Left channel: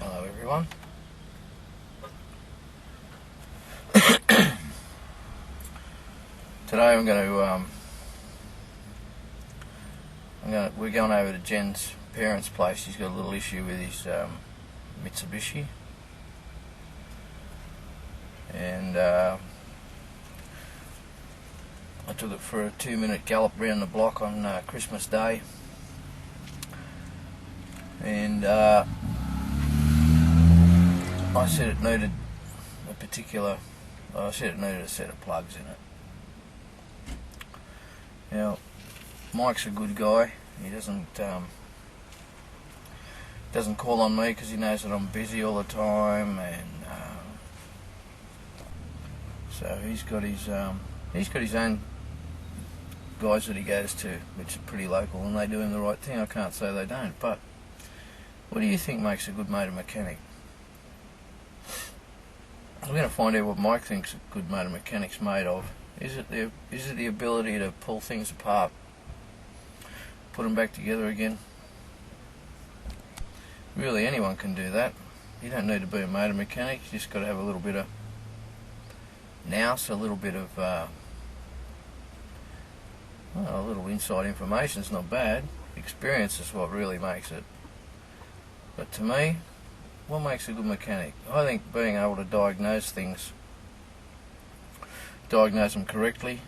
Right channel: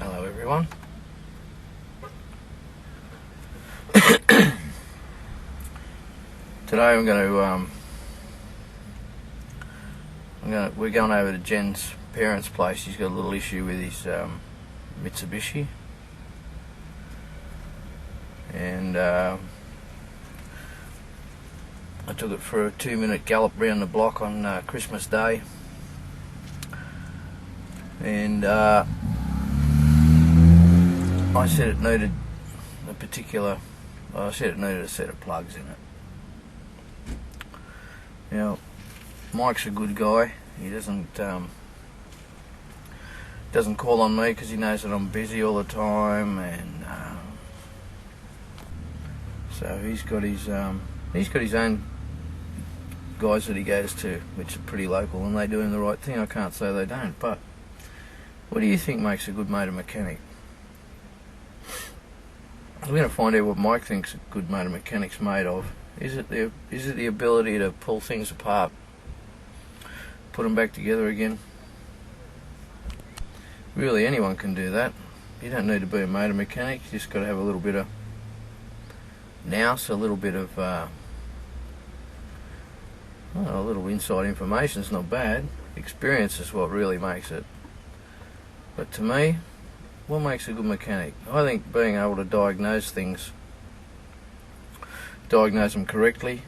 Hello everyone. Today we're going over to Jen's parents' place. He's got a little issue with his Mitsubishi, and I took it for a 2-minute gallop round the block on Christmas Day, and I said it needed a set of plugs in it. Now, Mike's a good guy. He doesn't call on me because he knows that I'm busy all the time, and so he's got his own guys that he goes to, which are pretty local, and they do him the right thing. I can't say they don't, but what do you think makes a good motor mechanic? We're going to find out what Mike thinks a good motor mechanic's made of. Is it the ability to pull things apart, put them back together again? Really, anyone can do that. You don't need to be a motor mechanic. You just got to have a little bit of nous, a little bit of a little inside information is not bad. Experience is what really makes it. But to me, what makes a good mechanic? I think being able to diagnose things, diagnose them correctly,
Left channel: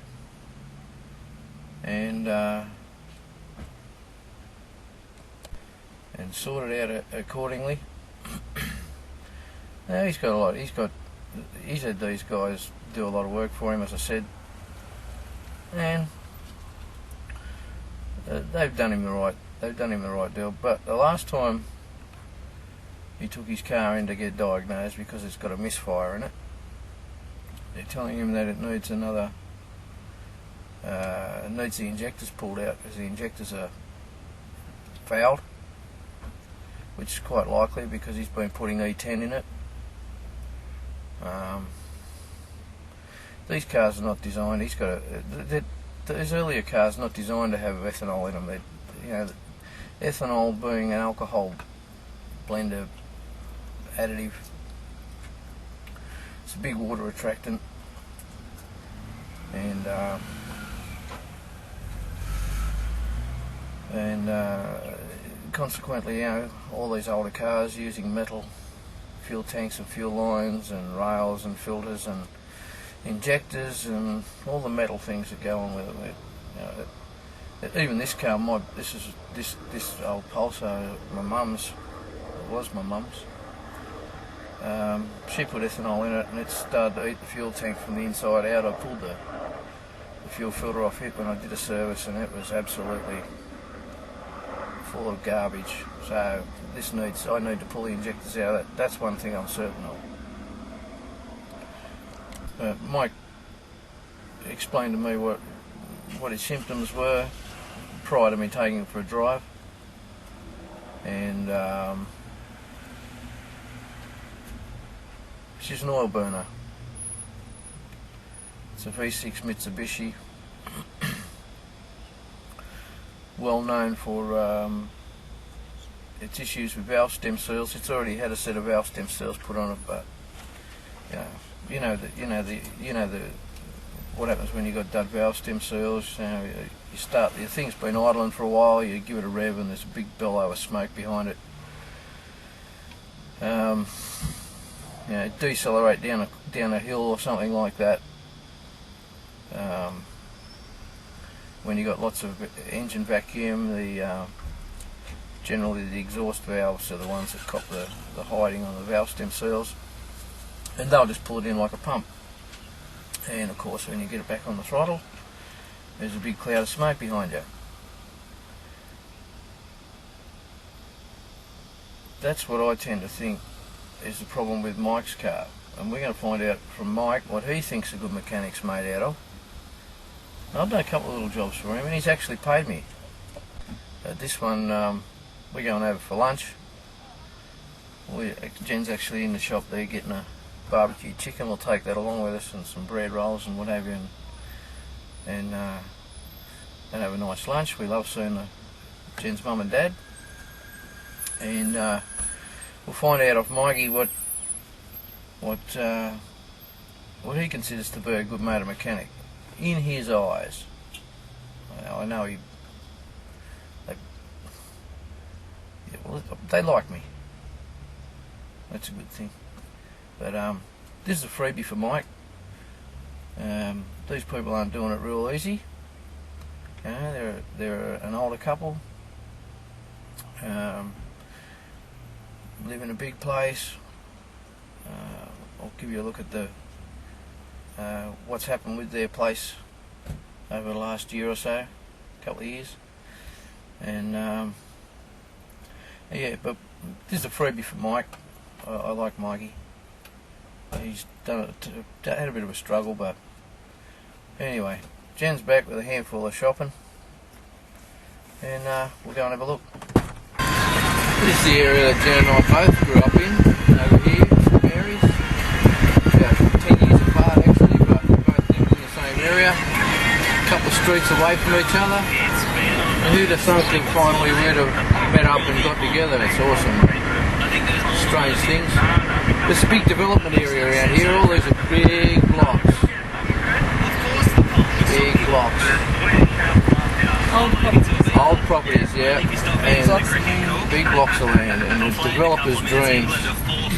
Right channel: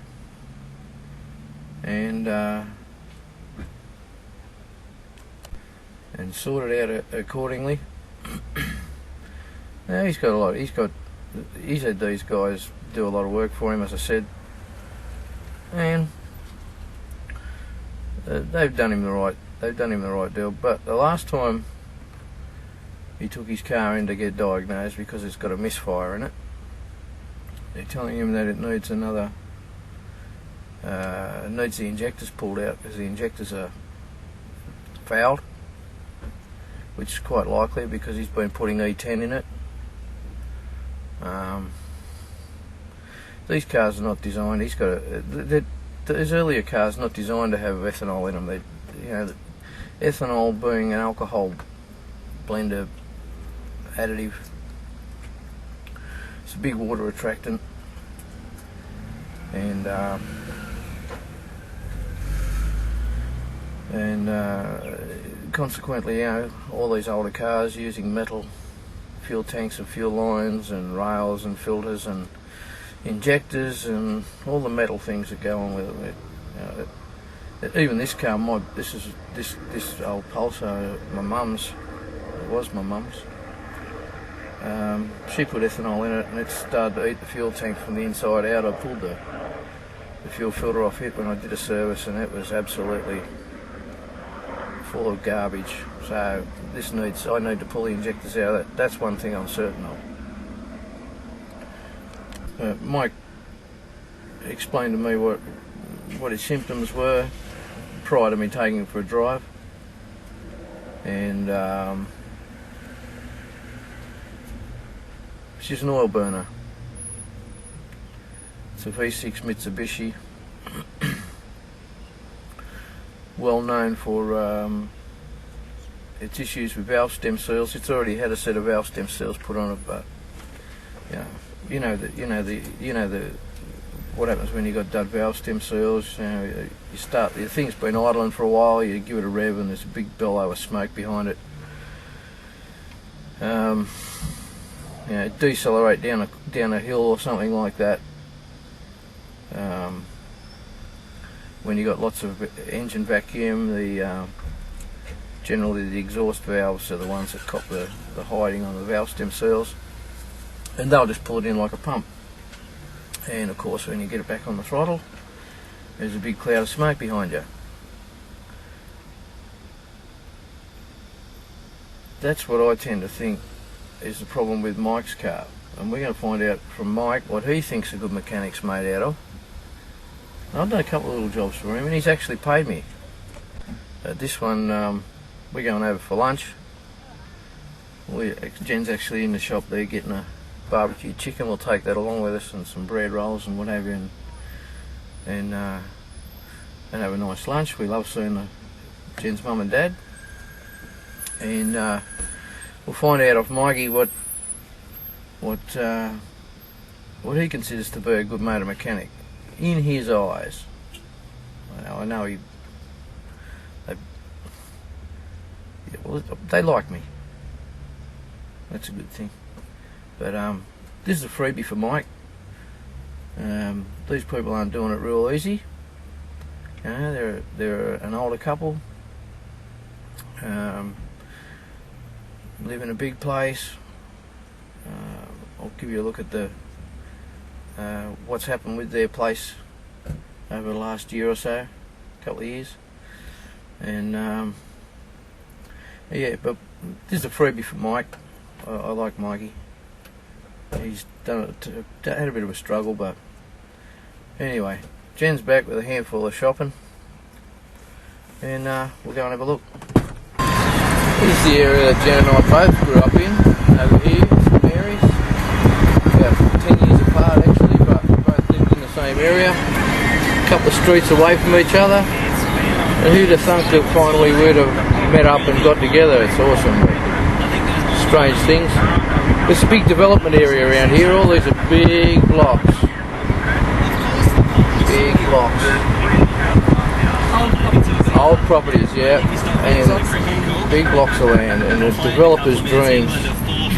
and sort it out accordingly. Now he's had these guys do a lot of work for him, as I said, and they've done him the right deal. But the last time he took his car in to get diagnosed because it's got a misfire in it, they're telling him that it needs needs the injectors pulled out because the injectors are fouled, which is quite likely because he's been putting E10 in it. These cars are not designed. These earlier cars are not designed to have ethanol in them. Ethanol being an alcohol blender additive. It's a big water attractant, and consequently, all these older cars using metal fuel tanks and fuel lines and rails and filters and injectors and all the metal things that go on with it. Even this car, this old Pulsar, my mum's. It was my mum's. She put ethanol in it and it started to eat the fuel tank from the inside out. I pulled the fuel filter off it when I did a service, and it was absolutely full of garbage. So I need to pull the injectors out of that. That's one thing I'm certain of. Mike explained to me what his symptoms were prior to me taking him for a drive, and it's just an oil burner. It's a V6 Mitsubishi, well known for its issues with valve stem seals. It's already had a set of valve stem seals put on it, but what happens when you got dud valve stem seals? The thing's been idling for a while. You give it a rev, and there's a big bellow of smoke behind it. Decelerate down a hill or something like that. When you got lots of engine vacuum, generally the exhaust valves are the ones that cop the hiding on the valve stem seals, and they'll just pull it in like a pump. And of course, when you get it back on the throttle, there's a big cloud of smoke behind you. That's what I tend to think is the problem with Mike's car, and we're going to find out from Mike what he thinks a good mechanic's made out of. I've done a couple of little jobs for him, and he's actually paid me. This one, we're going over for lunch. Jen's actually in the shop there getting a barbecue chicken. We'll take that along with us, and some bread rolls and what have you, and have a nice lunch. We love seeing Jen's mum and dad, and we'll find out off Mikey what he considers to be a good motor mechanic in his eyes. I know they like me. That's a good thing. But this is a freebie for Mike. These people aren't doing it real easy. You know, they're an older couple. Live in a big place. I'll give you a look at the what's happened with their place over the last year or so, couple of years, and yeah. But this is a freebie for Mike. I like Mikey. He's had a bit of a struggle, but anyway, Jen's back with a handful of shopping, and we'll go and have a look. This is the area that Jen and I both grew up in, over here, St Mary's. About 10 years apart actually, but we both lived in the same area, a couple of streets away from each other. And who'd have thunk that finally we'd have met up and got together? It's awesome. Strange things. There's a big development area around here. All these are big blocks. Big blocks. Old properties, yeah. And big blocks of land, and the developers' dreams.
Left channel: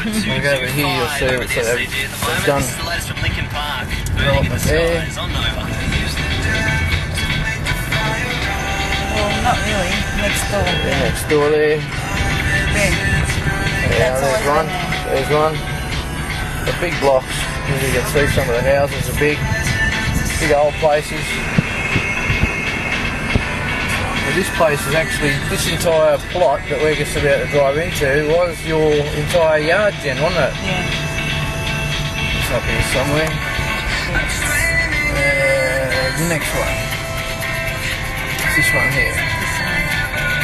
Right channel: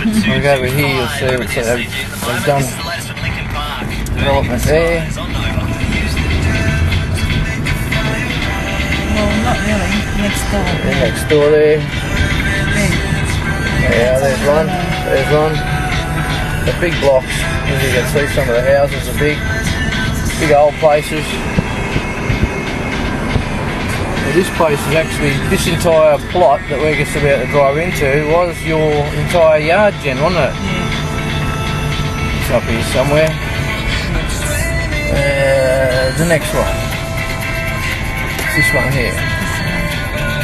Look over here, you'll see they've done development there. Well, not really. Next door. Yeah, next door there. Yeah, there's one. There's one. The big blocks. As you can see, some of the houses are big old places. Well, this place is actually, this entire plot that we're just about to drive into was your entire yard, Jen, wasn't it? Yeah. It's up here somewhere. The next one. It's this one here.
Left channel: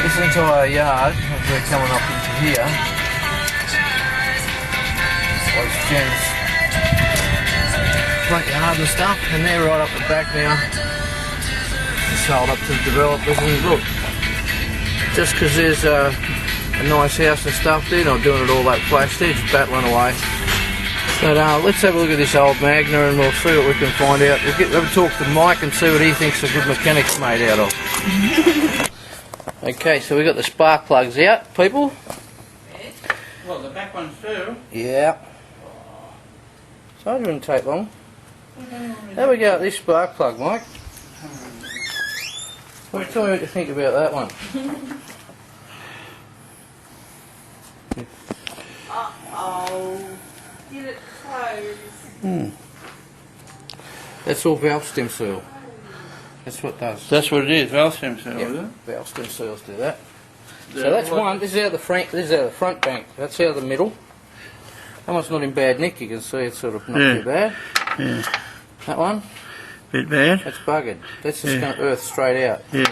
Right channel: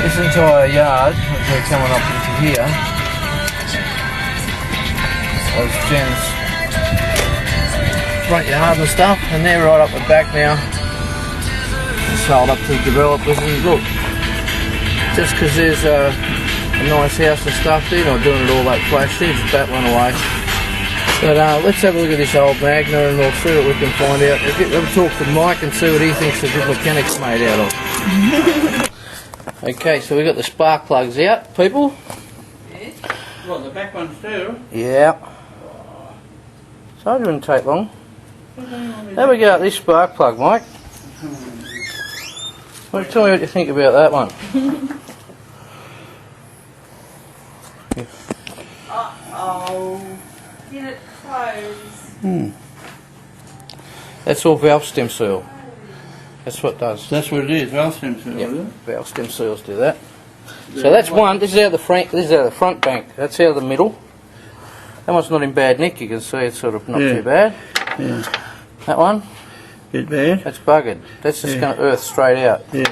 This entire yard, as we're coming up into here, was Jen's front yard and stuff, and they're right up the back now. Sold up to the developers, and look, just because there's a nice house and stuff, they're not doing it all that flash, they're just battling away. But let's have a look at this old Magna and we'll see what we can find out. We'll talk to Mike and see what he thinks a good mechanic's made out of. Okay, so we've got the spark plugs out, people. Yes. Well, the back ones too. Yeah. So it wouldn't take long. Have we go at this spark plug, Mike? Well, tell me what you think about that one. Yeah. Uh-oh. Get it closed. That's all valve stem seal. That's what it does. That's what it is, valve stem seal, Yep. is it? Valve stem seals do that. So that's one. This is out the front. This is out the front bank. That's out the middle. That one's not in bad nick. You can see it's sort of not too bad. Yeah. That one. Bit bad. That's buggered. That's just going to earth straight out. Yeah.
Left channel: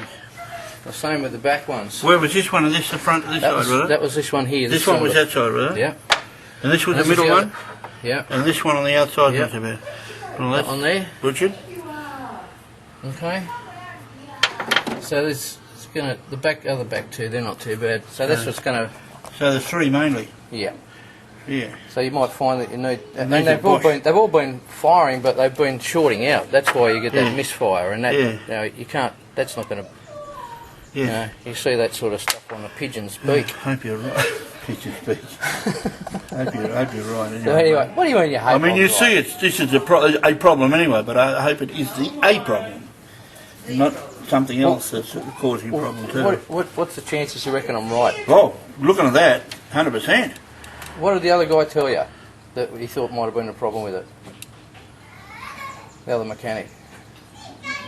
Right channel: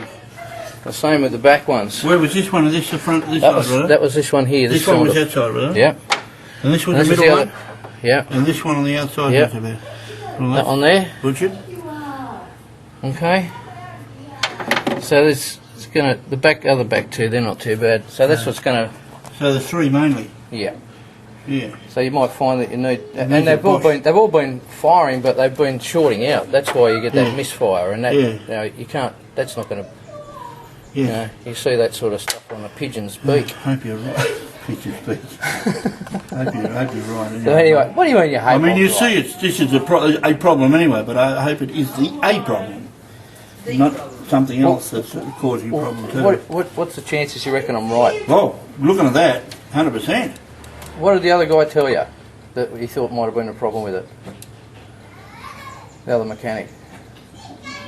The same with the back ones. Where was this one? Is this the front? This side, was it? That was this one here. This one was that side, was it? Yeah. And this was And the this middle is one? Yeah. And this one on the outside Yep. was about. That one there. Butchered? Okay. So this is going to, the back, other back two, they're not too bad. So that's what's going to, So the three mainly? yeah. Yeah. So you might find that you need, and they've all been firing, but they've been shorting out. That's why you get that misfire, and that you know, you can't. That's not going to. Yeah. You know, you see that sort of stuff on a pigeon's beak. Hope you're right. Pigeon's beak. hope you're right. So anyway, what do you mean you hate? I mean, you right? see, this is a problem anyway, but I hope it is a problem, not something else that's causing a problem too. What's the chances you reckon I'm right? Well, looking at that, 100%. What did the other guy tell you that he thought might have been a problem with it? The other mechanic.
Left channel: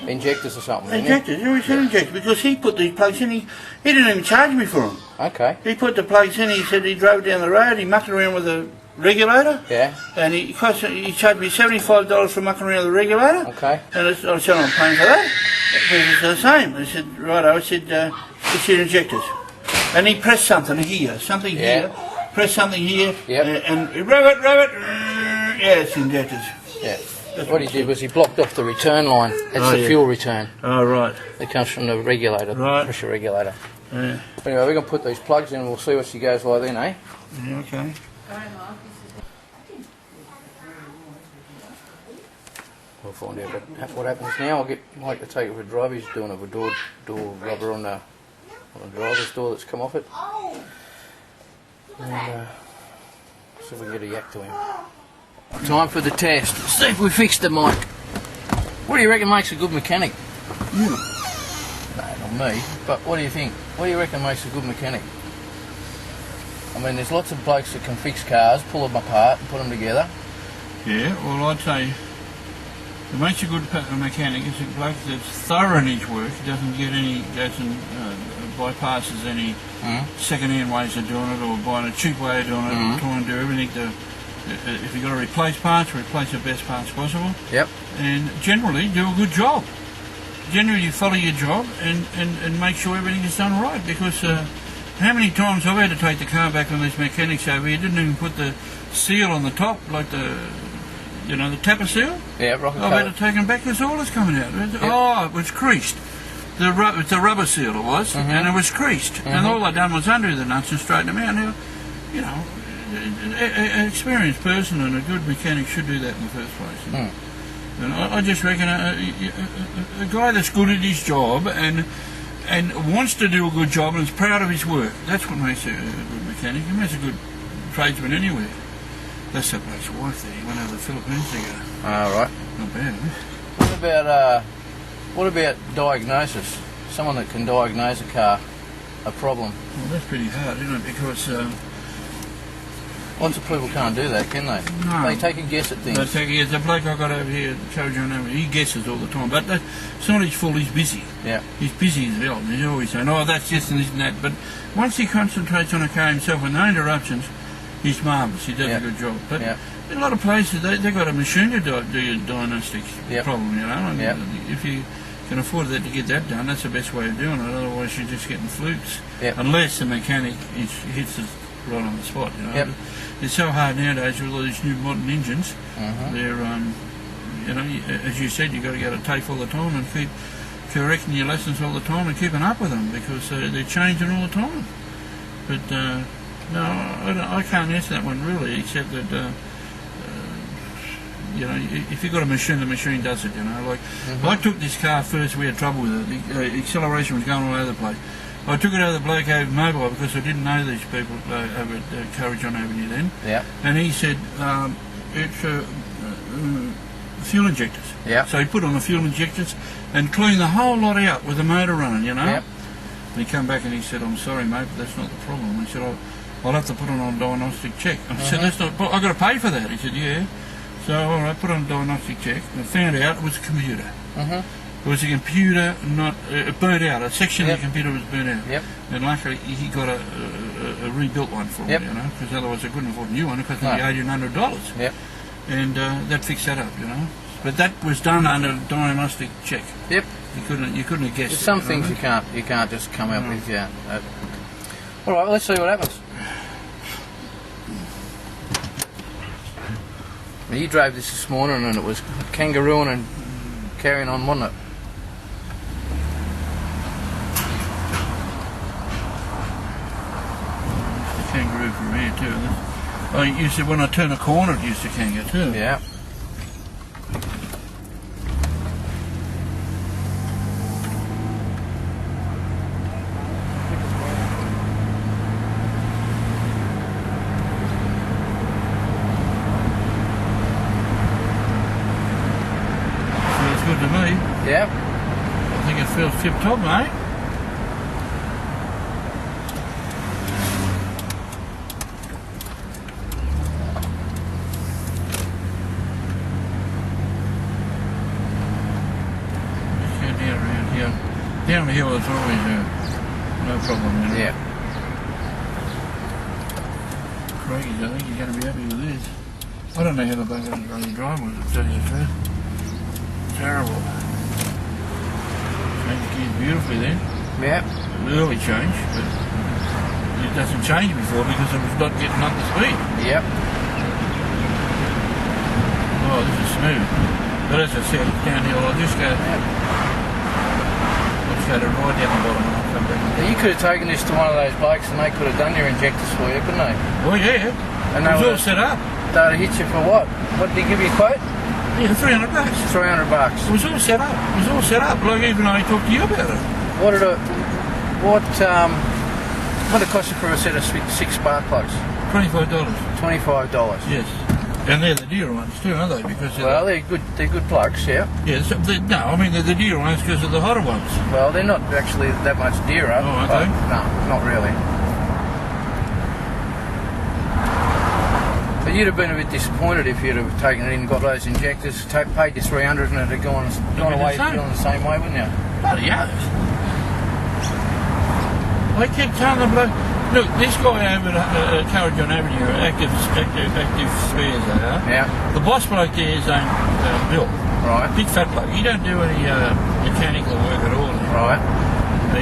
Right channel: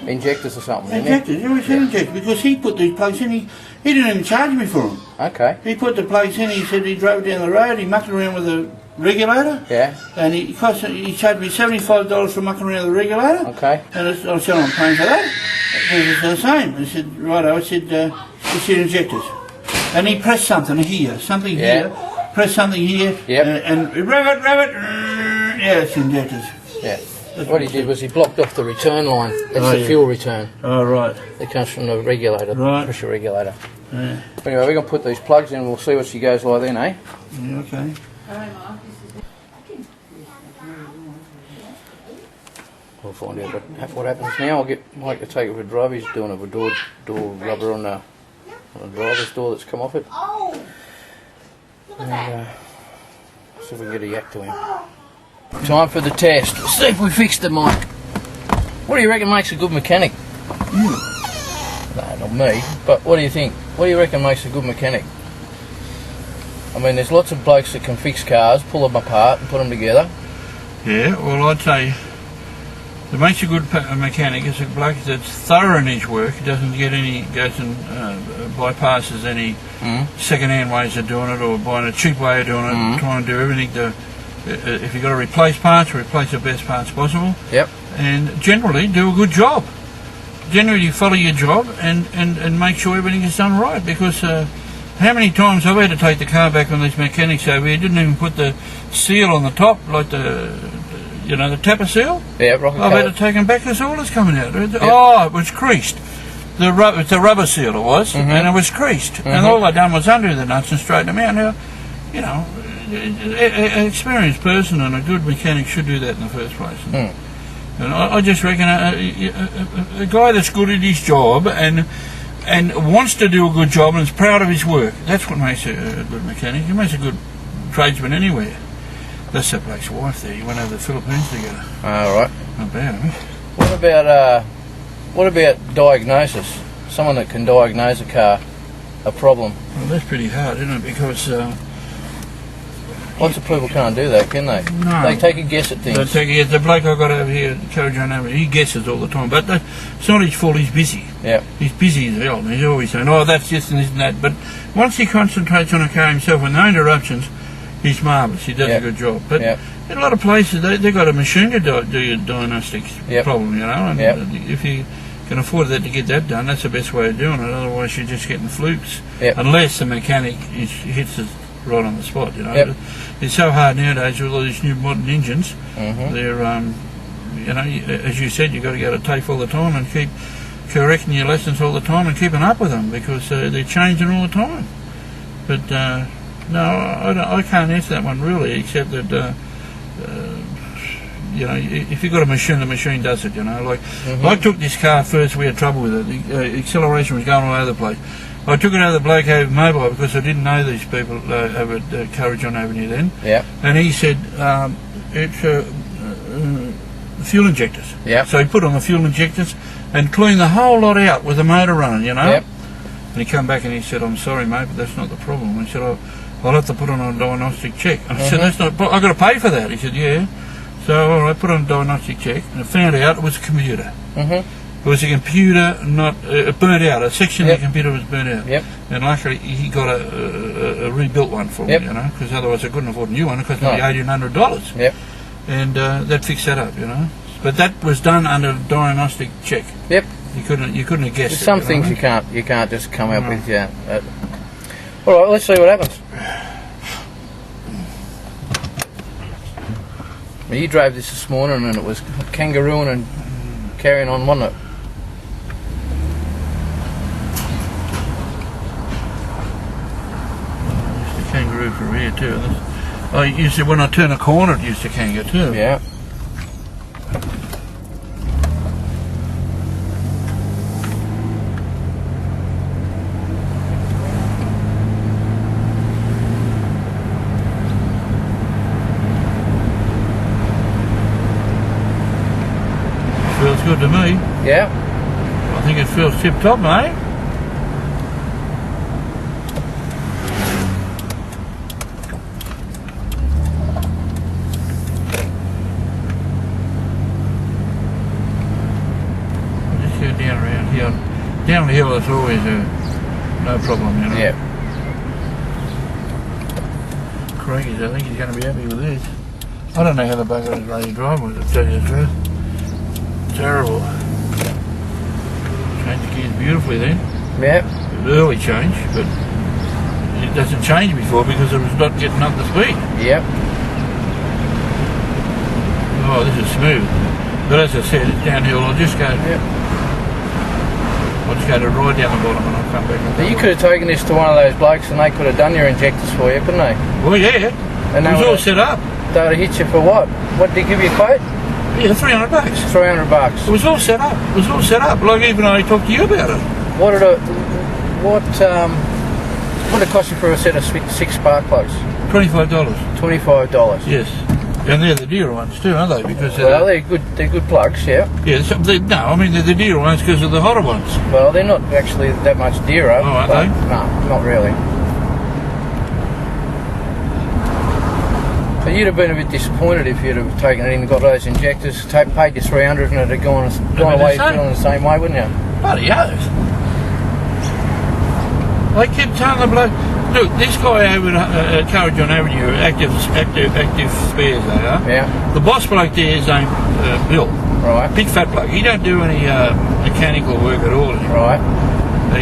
Injectors or something, didn't Injectors, he always said injectors, because he put these plugs in, he didn't even charge me for them. Okay. He put the plugs in, he said he drove down the road, he mucked around with the regulator, Yeah. and he charged me $75 for mucking around the regulator. Okay. And I said, I'm paying for that. He said the same. I said, righto, I said, injectors. And he pressed something here, here, pressed something here, and rev it, yeah, it's injectors. Yeah. What he did was he blocked off the return line. It's the fuel return. Oh, right. It comes from the regulator, Right. pressure regulator. Yeah. Anyway, we're going to put these plugs in and we'll see what she goes like then, eh? Yeah, okay. We'll find out what happens now. I'll get Mike to take it for a drive. He's doing a door rubber on the driver's door that's come off it. And see if we can get a yak to him. Time for the test. Let's see if we fixed it, Mike. What do you reckon makes a good mechanic? No, not me. But what do you think? What do you reckon makes a good mechanic? I mean, there's lots of blokes that can fix cars, pull them apart and put them together. Yeah, well, I'd say that makes a good mechanic is a bloke that's thorough in his work, doesn't get any, goes and bypasses any second-hand ways of doing it or buying a cheap way of doing it, trying to do everything to, if you've got to replace parts, replace the best parts possible. Yep. And generally do a good job. Generally you follow your job and make sure everything is done right, because how many times I've had to take the car back on these mechanics over here, didn't even put the seal on the top, like the tapper seal? Yeah, rocket I've had to take them back because all is coming out. Oh, it was creased. It's a rubber seal it was, and it was creased. And all I done was undo the nuts and straighten them out. Now, you know, an experienced person and a good mechanic should do that in the first place. And I just reckon a guy that's good at his job and wants to do a good job and is proud of his work, that's what makes a good mechanic. He makes a good tradesman anywhere. That's that bloke's wife there. He went over the Philippines together. All right. Not bad, eh? What about diagnosis? Someone that can diagnose a car, a problem. Well, that's pretty hard, isn't it? Because lots of people can't do that, can they? No. They take a guess at things. They take a guess. The bloke I got over here, John over, he guesses all the time. But it's not his fault. He's busy. Yeah. He's busy as hell. He's always saying, "Oh, that's this and this and that." But once he concentrates on a car himself with no interruptions, he's marvellous. He does a good job. But in a lot of places, they got a machine to do your diagnostics problem, you know. And if you can afford that to get that done, that's the best way of doing it. Otherwise, you're just getting flukes. Unless the mechanic hits it right on the spot, you know. It's so hard nowadays with all these new modern engines. They're, you know, as you said, you've got to go to TAFE all the time and keep correcting your lessons all the time and keeping up with them because they're changing all the time. But no, I can't answer that one really, except that you know, if you've got a machine, the machine does it. You know, like I took this car first. We had trouble with it. The acceleration was going all over the place. I took it over the bloke over mobile because I didn't know these people over at Courage on Avenue then. Yeah. And he said it's fuel injectors. Yeah. So he put on the fuel injectors and cleaned the whole lot out with the motor running. You know. Yep. And he come back and he said, "I'm sorry, mate, but that's not the problem." And he said, I'll have to put on a diagnostic check. And I said, "That's not. I've got to pay for that." He said, "Yeah." So I put on a diagnostic check and I found out it was a computer. It was a computer not burnt out. A section of the computer was burnt out. And luckily he got a rebuilt one for me, you know, because otherwise I couldn't afford a new one. It cost me $1,800. And that fixed that up, you know. But that was done under a diagnostic check. You couldn't have guessed. There's some things you can't just come up with. Yeah. All right, let's see what happens. Well, you drove this morning and it was kangarooing and carrying on, wasn't it? The kangaroo from here too. Oh, you said when I turn a corner it used to kangaroo too. Yeah. Feels good to me. Yeah. I think it feels tip top, mate. Just go down around here. Down the hill is always no problem, you know. Yeah. Craigie, I think he's going to be happy with this. I don't know how the bugger is ready to drive with it, to tell you the truth. Terrible. Changed gears beautifully then. Yeah. Early change, but it doesn't change before because it was not getting up the speed. Yep. Oh, this is smooth. But as I said, it's downhill. I'll just go. I'll just go to right down the bottom and I'll come back. But you could have taken this to one of those blokes and they could have done your injectors for you, couldn't they? Well, yeah. And It was all set up. They would have hit you for what? What did they give you a quote? Yeah, $300. $300. It was all set up. It was all set up. Like even I talked to you about it. What did what it cost you for a set of 6 spark plugs? $25. $25. Yes. And they're the dearer ones too, aren't they? Because well, they're good. They're good plugs, yeah. Yeah. No, I mean they're the dearer ones because of the hotter ones. Well, they're not actually that much dearer. Oh, aren't they? No, not really. But you'd have been a bit disappointed if you'd have taken it in and got those injectors, paid you $300 and it had gone away feeling the same way, wouldn't you? Bloody oath. I kept telling the bloke, look, this guy over at Carrigon Avenue, active spares they are. Yeah. The boss bloke there is named Bill. Right. Big fat bloke. He don't do any mechanical work at all. Right.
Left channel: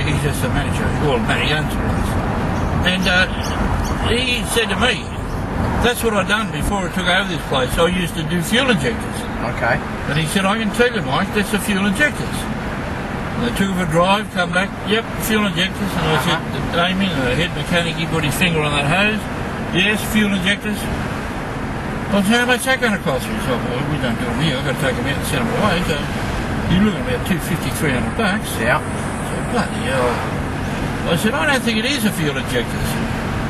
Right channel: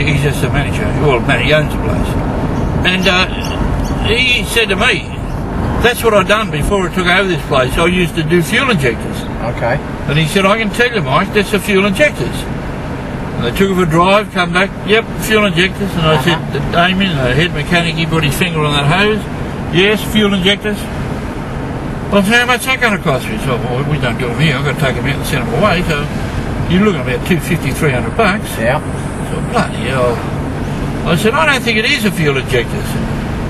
He's just a manager. Well, he owns the place. And he said to me, that's what I done before I took over this place. I used to do fuel injectors. Okay. And he said, I can tell you, Mike, that's the fuel injectors. And they took it for a drive, come back, yep, fuel injectors. And I said, Damien, the head mechanic, he put his finger on that hose. Yes, fuel injectors. Well, how much that going to cost me? So, well, we don't do them here. I've got to take them out and send them away. So you're looking at about $250, $300. Yeah. So, bloody hell. I said, I don't think it is a fuel injectors.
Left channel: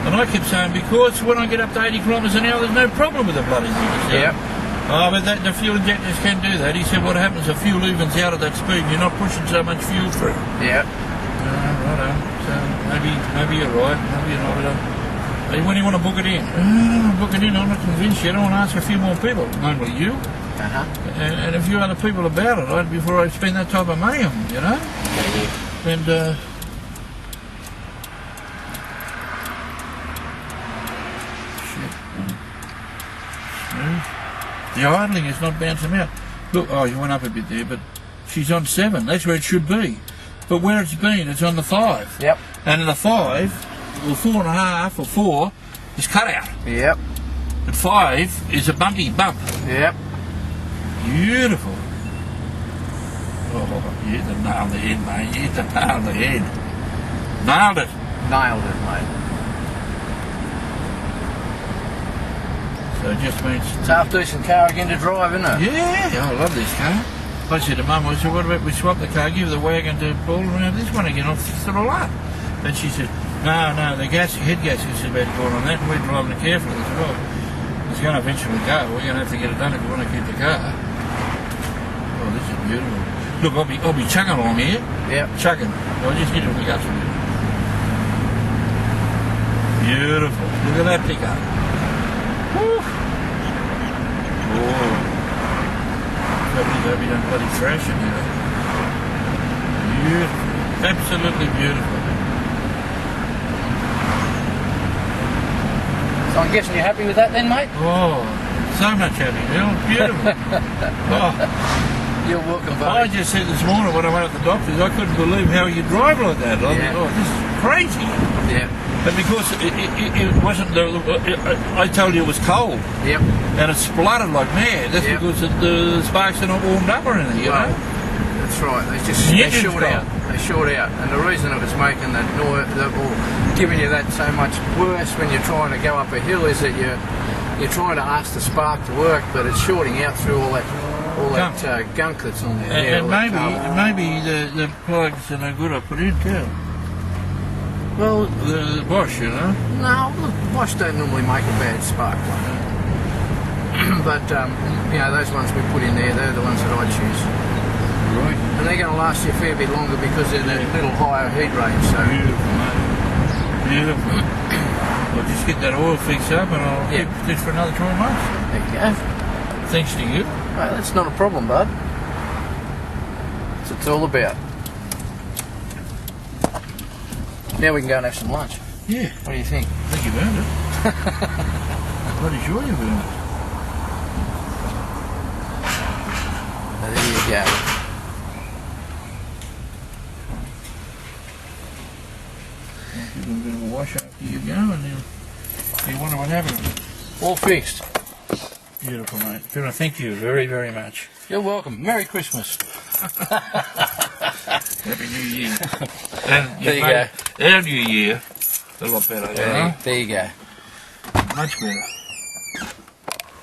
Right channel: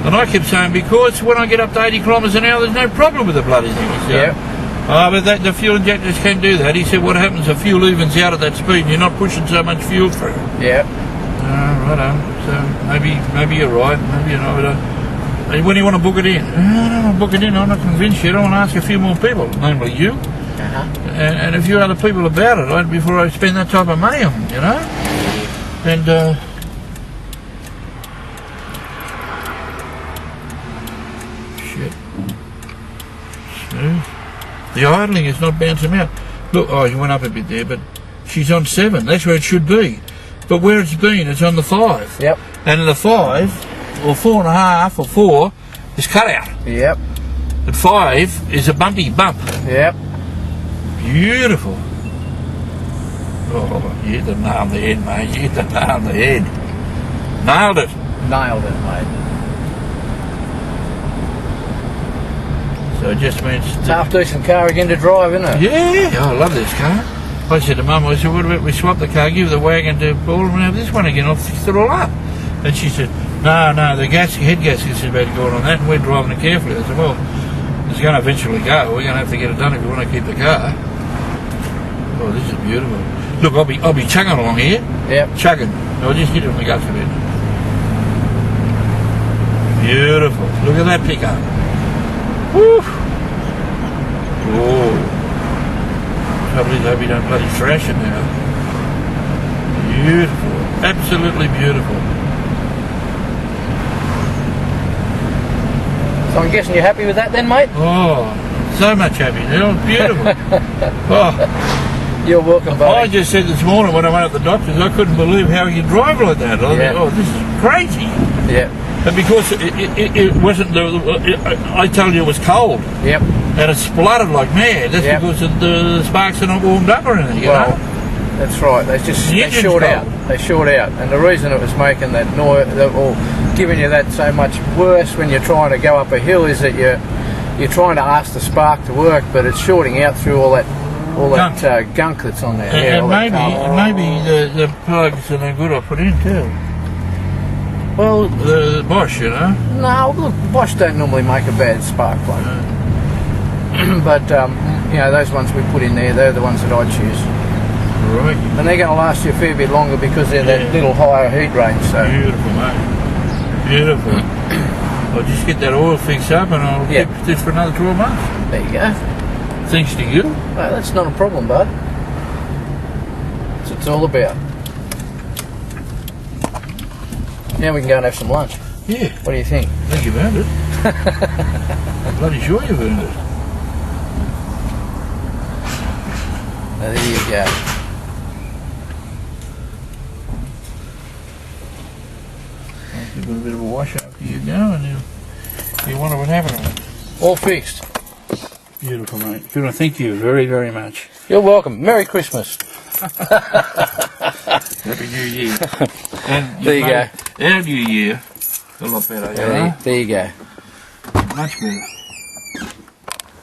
And I kept saying, because when I get up to 80 kilometres an hour, there's no problem with the bloody things. Yeah. But the fuel injectors can do that. He said, what happens, the fuel evens out at that speed and you're not pushing so much fuel through. Yeah. Righto. So maybe you're right, maybe you're not. When do you want to book it in? I don't want to book it in, I'm not convinced yet. I want to ask a few more people, namely you. And a few other people about it, right, before I spend that type of money on them, you know? And, the idling is not bouncing out. Look, oh, you went up a bit there, but she's on 7. That's where it should be. But where it's been, it's on the 5. Yep. And the 5, or 4.5, or 4, is cut out. Yep. But 5 is a bumpy bump. Yep. Beautiful. Oh, you hit the nail on the head, mate. You hit the nail on the head. Nailed it. Nailed it, mate. So it just means... It's a half decent car again to drive, isn't it? Yeah, I love this car. I said to Mum, I said, what about we swap the car, give the wagon to Paul and have this one again, I'll fix it all up. And she said, no, the head gasket is about to go on that and we're driving it carefully. I said, well, it's going to eventually go. We're going to have to get it done if we want to keep the car. Oh, this is beautiful. Look, I'll be chugging along here. Yep. Chugging. I'll just hit it on the guts a bit. Beautiful. Look at that pickup. Woo! Oh. Trouble is, I hope you don't bloody thrash it now. Beautiful. Absolutely beautiful. So I'm guessing you're happy with that then, mate? Oh, so much happy. They're beautiful. Oh. You're welcome, buddy. I just said this morning when I went to the doctors, I couldn't believe how you drive like that. I thought, oh, this is crazy. Yeah. But because it wasn't I told you it was cold. Yep. And it spluttered like mad. That's because the sparks are not warmed up or anything, you know? That's right. They short out. They short out. And the reason it was making that noise, or giving you that so much worse when you're trying to go up a hill, is that you're trying to ask the spark to work, but it's shorting out through all that gunk that's on there. And maybe the plugs are no good I put in too. Well, the Bosch, you know. No, look, Bosch don't normally make a bad spark plug. But you know, those ones we put in there, they're the ones that I choose. Right. And they're going to last you a fair bit longer because they're that little higher heat range. So beautiful, mate. Beautiful. I'll just get that oil fixed up and I'll keep this for another 12 months. There you go. Thanks to you. Well, that's not a problem, bud. That's what it's all about. Now we can go and have some lunch. Yeah. What do you think? I think you've earned it. Bloody sure you've earned it. Now, there you go. Give it a bit of a wash after you go and you wonder what happened. All fixed. Beautiful, mate. Beautiful. Thank you very, very much. You're welcome. Merry Christmas. Happy New Year. And There you go. Our New Year a lot better. There you go. Much better.